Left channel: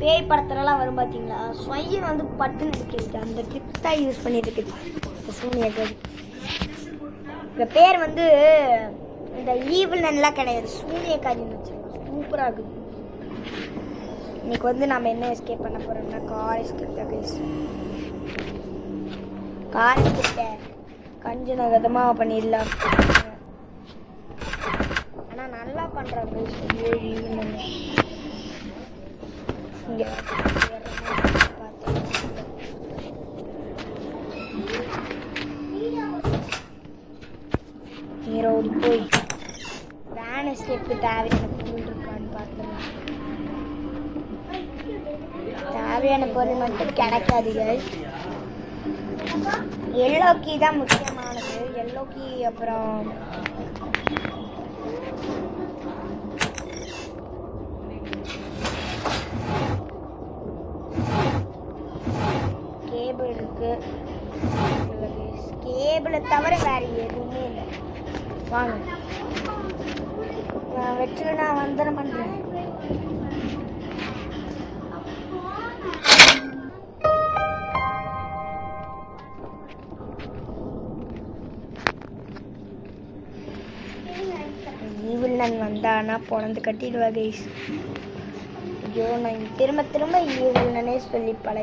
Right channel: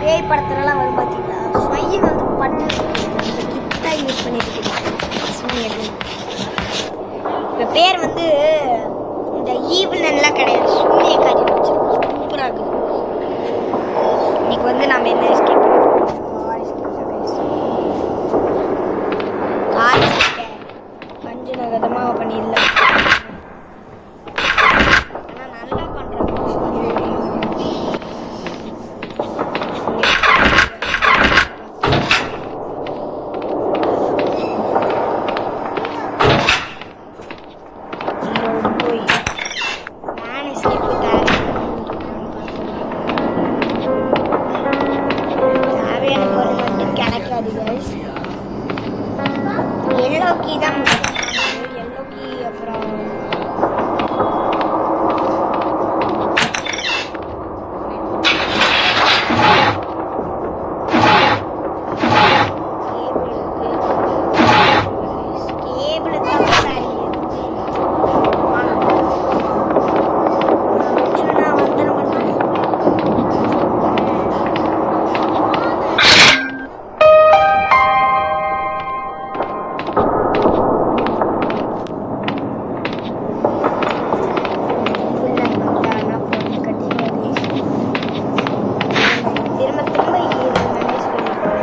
பேய் படத்துலலாம் வரும் பார்த்தீங்களா, ஸ்வையில் வந்து பண்ணி அந்த கிஃப்டாக யூஸ் பண்ணிட்டு இருக்குது சூனியர்கள். இப்போ பேர் வந்து இந்த ஈவில் நல்லா கிடையாது, சூனியக்காரி வச்சு சூப்பராக இருக்குது. இன்னைக்கு வந்து நம்ம என்ன எஸ்கேப் கார் கொஞ்சம் விதமாக பண்ணிடலாம். ஆனால் நல்லா பண்ணுறாங்க. போய் வேன் எஸ்கேப்பு தேவையான பொருள் மட்டும் கிடைக்காது கைஸ். எல்லோ கீ தான் முக்கியமானது. எல்லோ கீ அப்புறம் கேபிள் தவிர வேறு எதுவுமே வாங்க வச்சு நான் வந்து பண்ணுறேன். திரும்ப திரும்ப நினைச்சு பண்ணிப்பாங்க.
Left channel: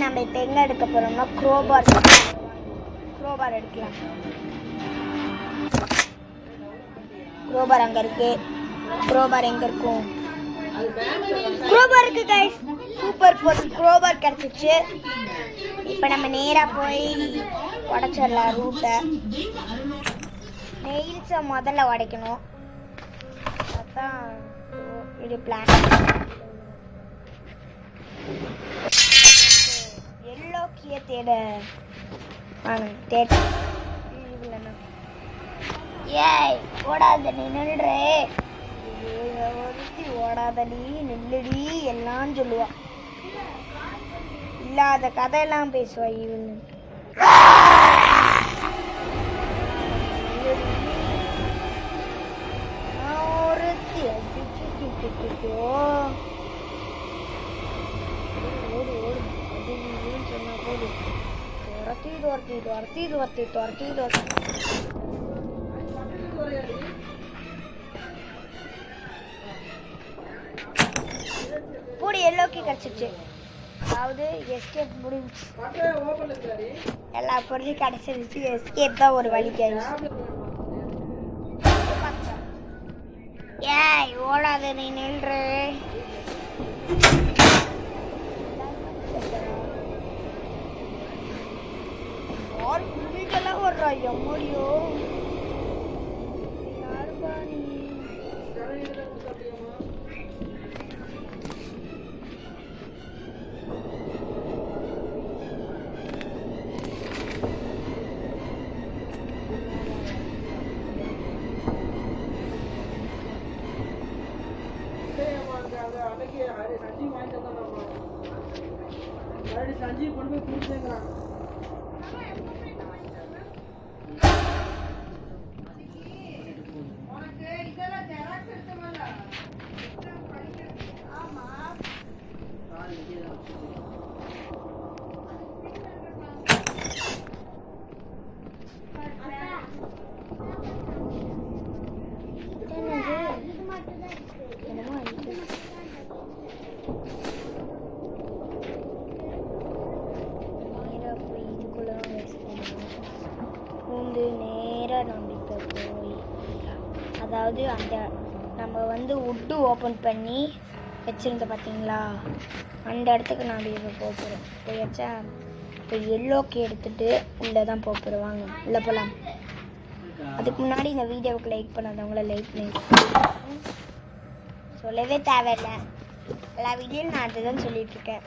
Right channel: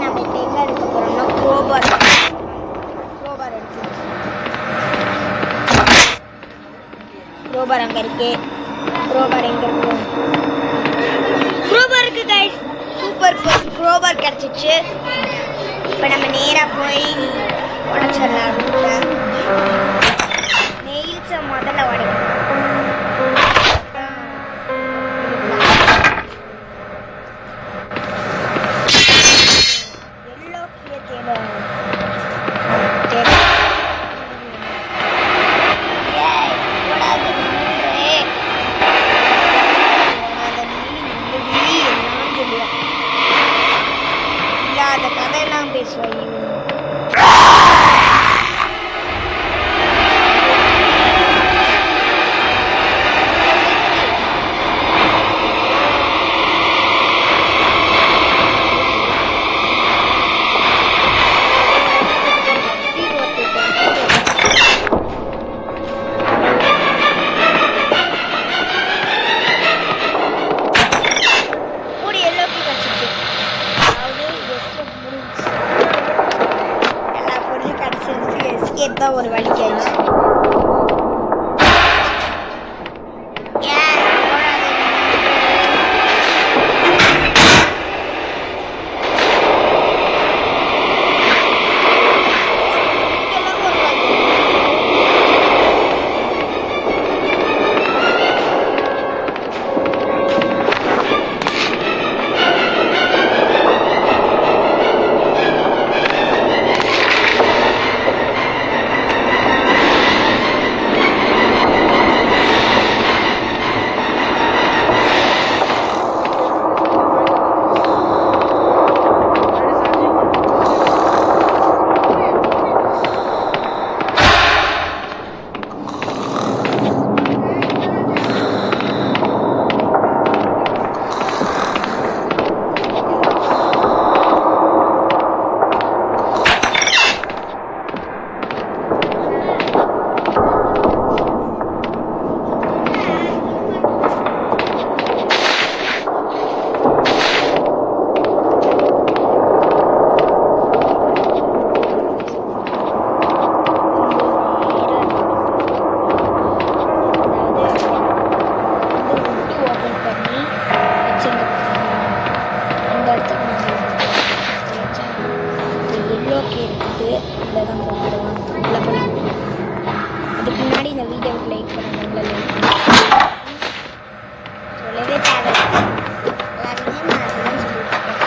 நம்ம இப்போ எங்கே எடுக்க போகிறோம்னா க்ரோபார் எடுக்கலாம். க்ரோபார் அங்கே இருக்கு. க்ரோபார் எங்கே இருக்கும்? க்ரோபார் இருக்கு கைஸ். சூப்பர் க்ரோபார் கிடச்சிச்சு. இப்போ நம்ம நேராக போய் உடச்சிடலாம் ரூட்டை. நெயில்ஸை முதல்ல உடைக்கணும். இல்லாத கதையெல்லாம் பேசுவாய். எல்லா பொருளும் கிடச்சிருச்சு. எஸ்கேப் தான் ஒரு வழி ஆயிடுச்சு. வச்சுருங்க பார்த்தீங்களா, அந்த இடத்துக்கு நம்ம வச்சா எல்லோ எடுத்துட்டு உள்ளே தான் போட்டுடுவாங்க. உள்ளே போகலாம். அதுக்கு முன்னாடி இந்த வீடியோவுக்கு லைக் பண்ணுறவங்கள லைக் பண்ணி சொல்லவே தேவை. எல்லாருமே நான் அதுதான் சொல்லிட்டு இருக்கேன்.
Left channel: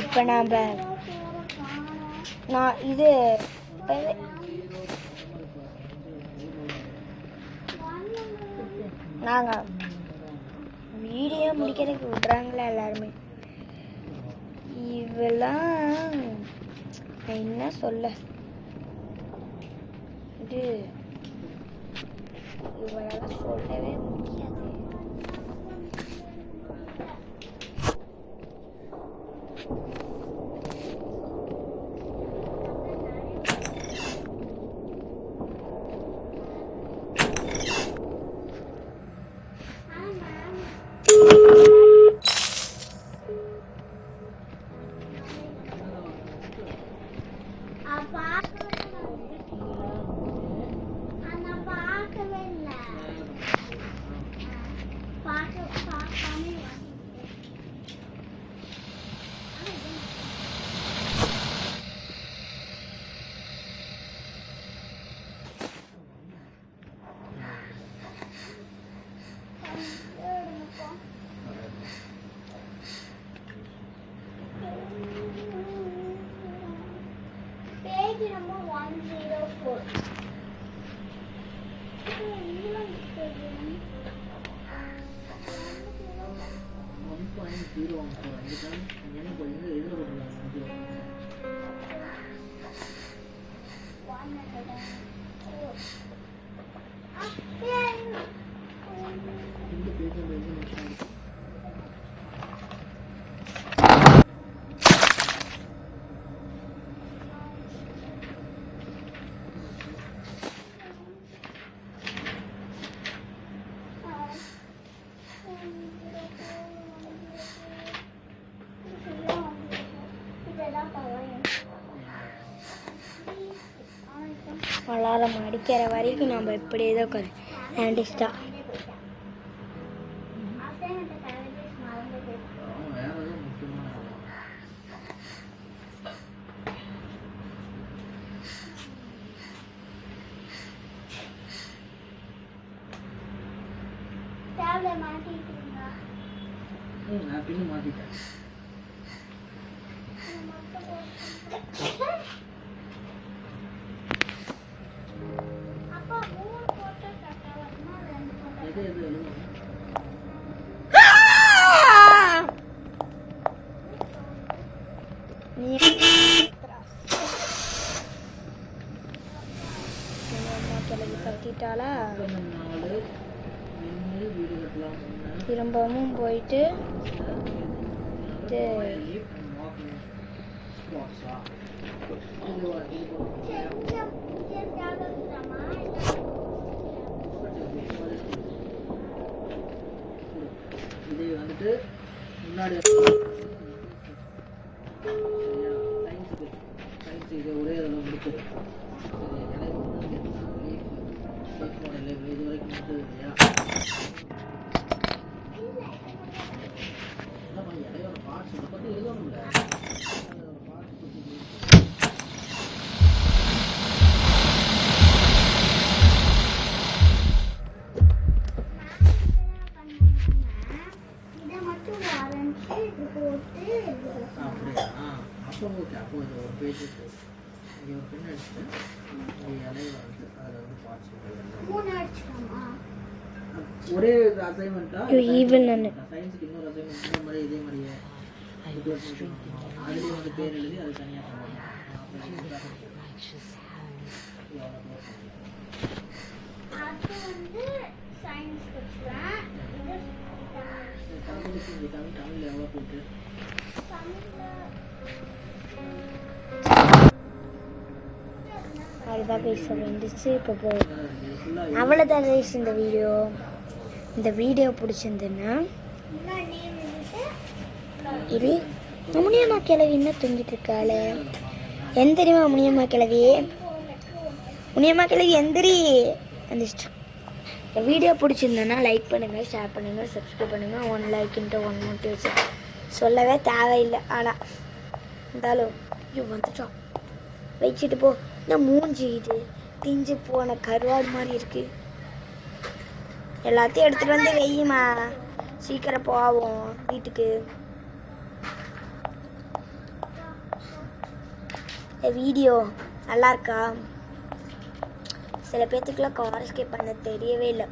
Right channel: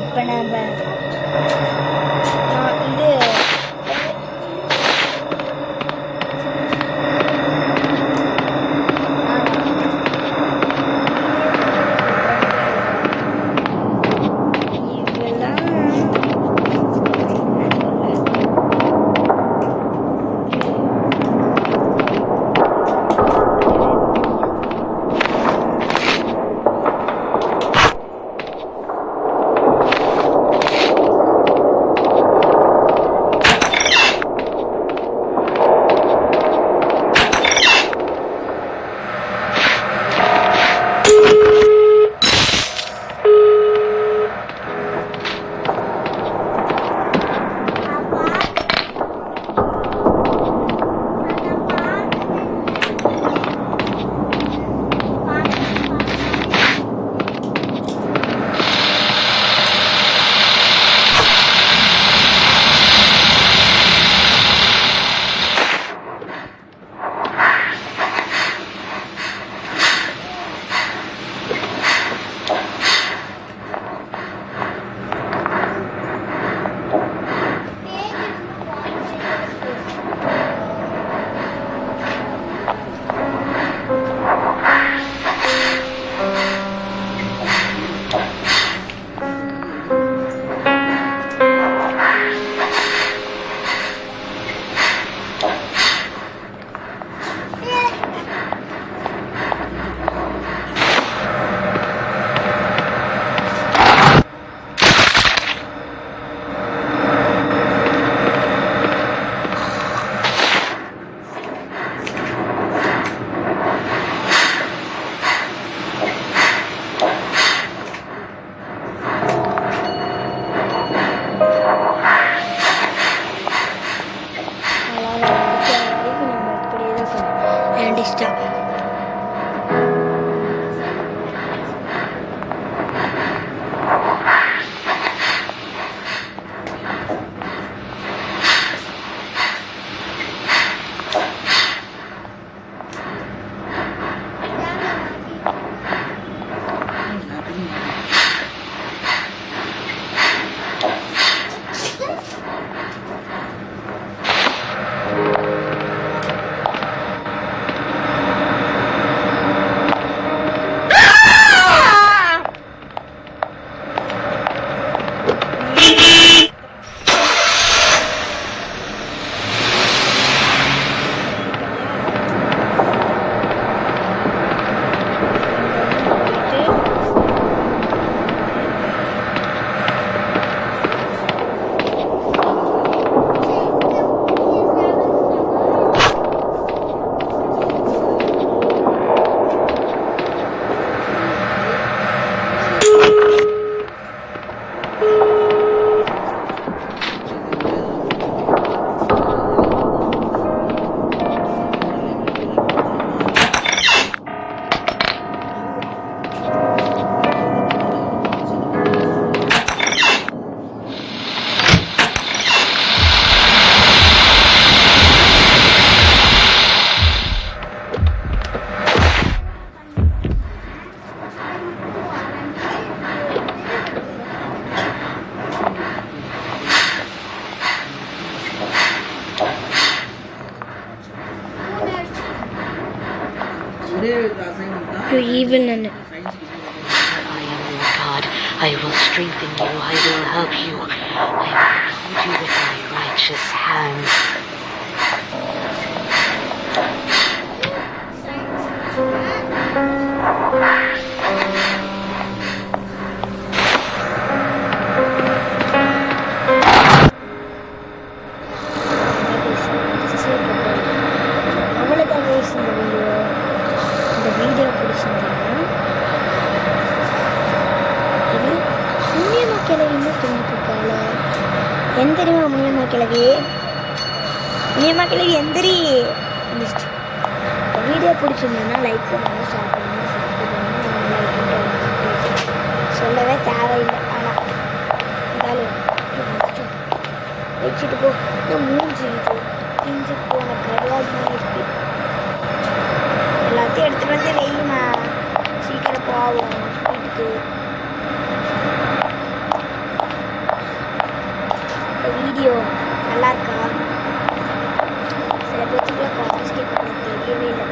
இப்போ நாம் இது டிஸ்டா evil நன்னு. God, I will strengthen you. I will help you. I will hold you with my righteous hand. அவ்வளோதான் guys இந்த வீடியோ பிடிச்சிருந்தீங்கன்னா இது முனியம்மா கிழவின்னு தூங்கிட்டுருக்காள். எந்திரிமா முனியம்மா கிழவி, முனியம்மா கிழவி எந்திரி வந்துச்சு. இந்த வீடியோ பிடிச்சிருந்தேன்னா லைக் பண்ணுங்கள், ஷேர் பண்ணுங்கள், சப்ஸ்கிரைப் பண்ணுங்கள். ஒன் லைக் சொல்லவே தேவையில்லை. ஆனால் இருந்தாலும் வந்துட்டோம் வச்சுட்டு போ. இன்னும் மூஞ்சி இது பிஞ்சு போன கருவாடு மாதிரி இருக்கு. எல்லாத்தையும் எடுத்துகிட்டு வந்து வெய்யுமா, சீக்கிரம் போவோம் வீட்டுக்கு. இந்த வீடியோ நல்லா இருக்கா? சில பேர்த்துக்குலாம் கான்ஸ்டேட் பண்ண தெரியவே இல்லை.